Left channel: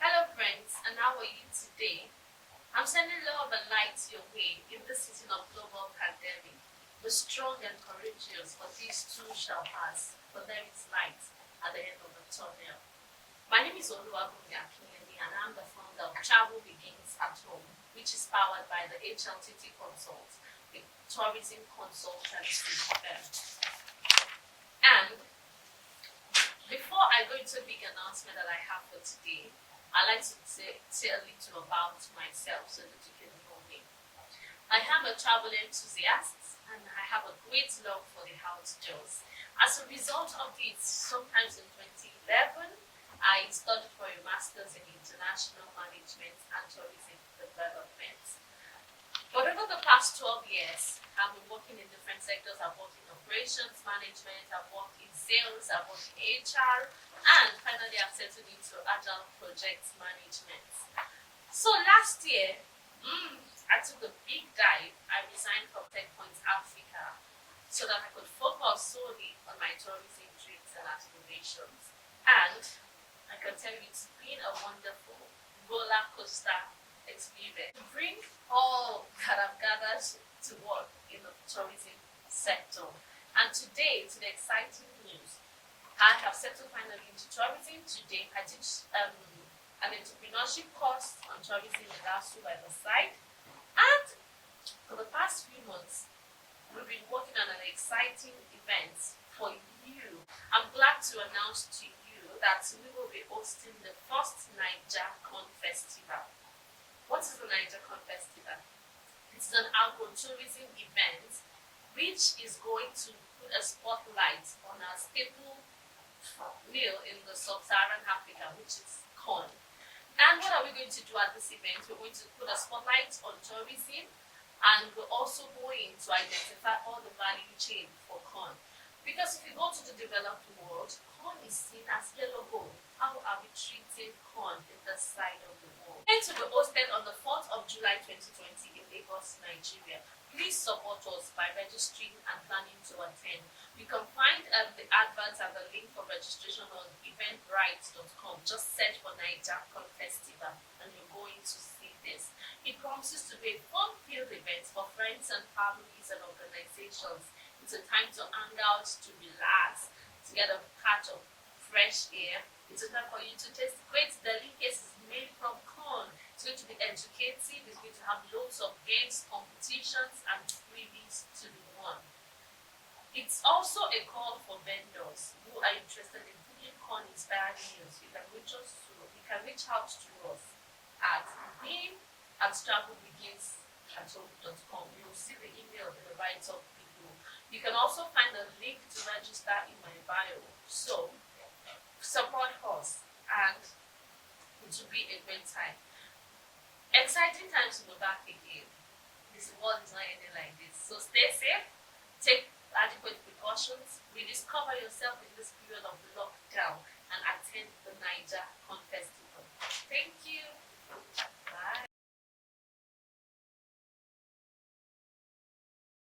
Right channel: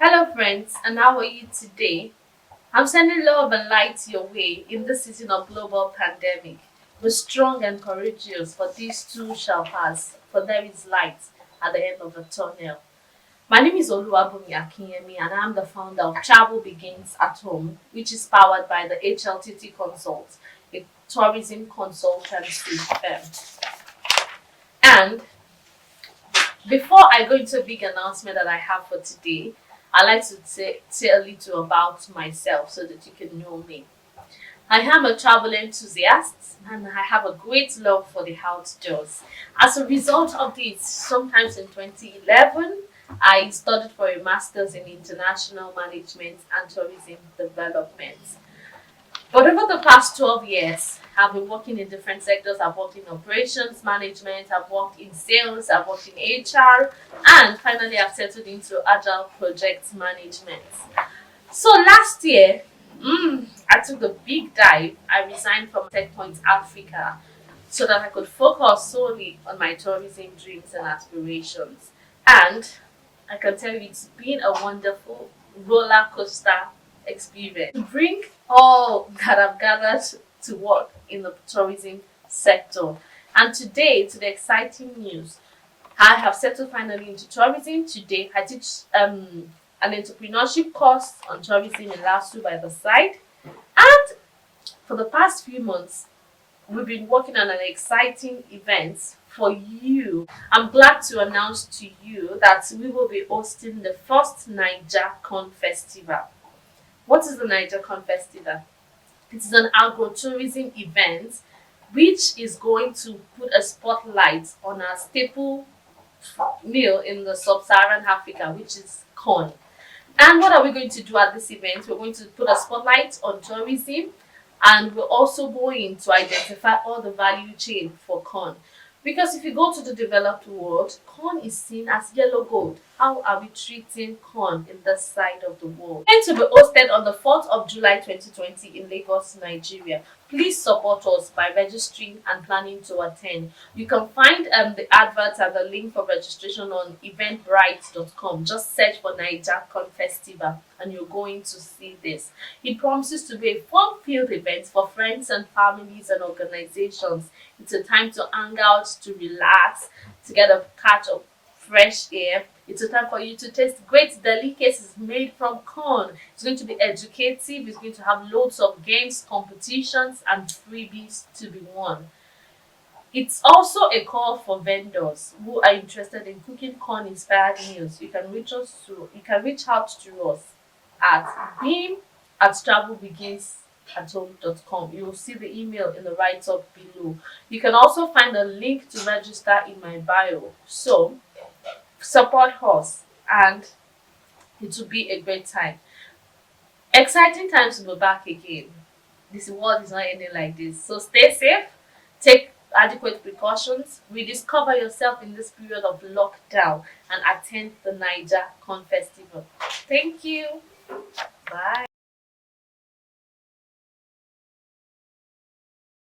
Hello, friends, and how are you today? I'm sending love and light your way in this season of global pandemic. Be strong and courageous, for these too shall pass, for there is light at the end of the tunnel. My name is Oluwabumi Akinyemi, and I'm the founder of Travel Begins at Home, which is powered by the HLTT Consult, a tourism consultancy firm. And before I go into a big announcement that I have for today, I'd like to say a little about myself so that you can know me. I am a travel enthusiast and I have a great love for the outdoors. As a result of this, sometimes in 2011, I studied for a master's in international management and tourism development. But over the past 12 years, I've been working in different sectors. I've worked in operations management, I've worked in sales, I've worked in HR, and finally I've settled into agile project management. So last year, I took the big dive. I resigned from TechPoint Africa so that I could focus solely on my tourism dreams and aspirations. And I can tell you it's been a wonderful roller coaster experience to bring all that I've gathered to work in the tourism sector. And today, to the exciting news, I have settled finally into tourism. Today, I teach an entrepreneurship course on tourism in LASU by the side. And for the past few months, we've been working on an exciting event for you. I'm glad to announce to you that we will be hosting the first Naija Corn Festival. What is the Naija Corn Festival? It is an agro-tourism event which is going to put a spotlight on our staple meal in the sub-Saharan Africa, which is corn. And what are we going to do at this event? We're going to put a spotlight on tourism and we're also going to identify all the value chain for corn. Because if you go to the developed world, corn is seen as yellow gold. How are we treating corn in this side of the world? It's going to be hosted on the 4th of July 2020 in Lagos, Nigeria. Please support us by registering and planning to attend. You can find the adverts and the link for registration on eventbrite.com. Just search for Naija Corn Festival and you're going to see this. It promises to be a fun-filled event for friends and families and organizations. It's a time to hang out, to relax, to get a catch of fresh air. It's a time for you to taste great delicacies made from corn. It's going to be educative. It's going to have loads of games, competitions, and freebies to be won. It's also a call for vendors who are interested in cooking corn-inspired meals. You can reach out to us at beam@travelbeginsathome.com. You'll see the email in the write-up below. You can also find a link to register in my bio. So support us and it will be a great time. Exciting times to be back again. This world is not ending like this. So stay safe, take adequate precautions, rediscover yourself in this period of lockdown and attend the Naija Corn Festival. Thank you. Bye.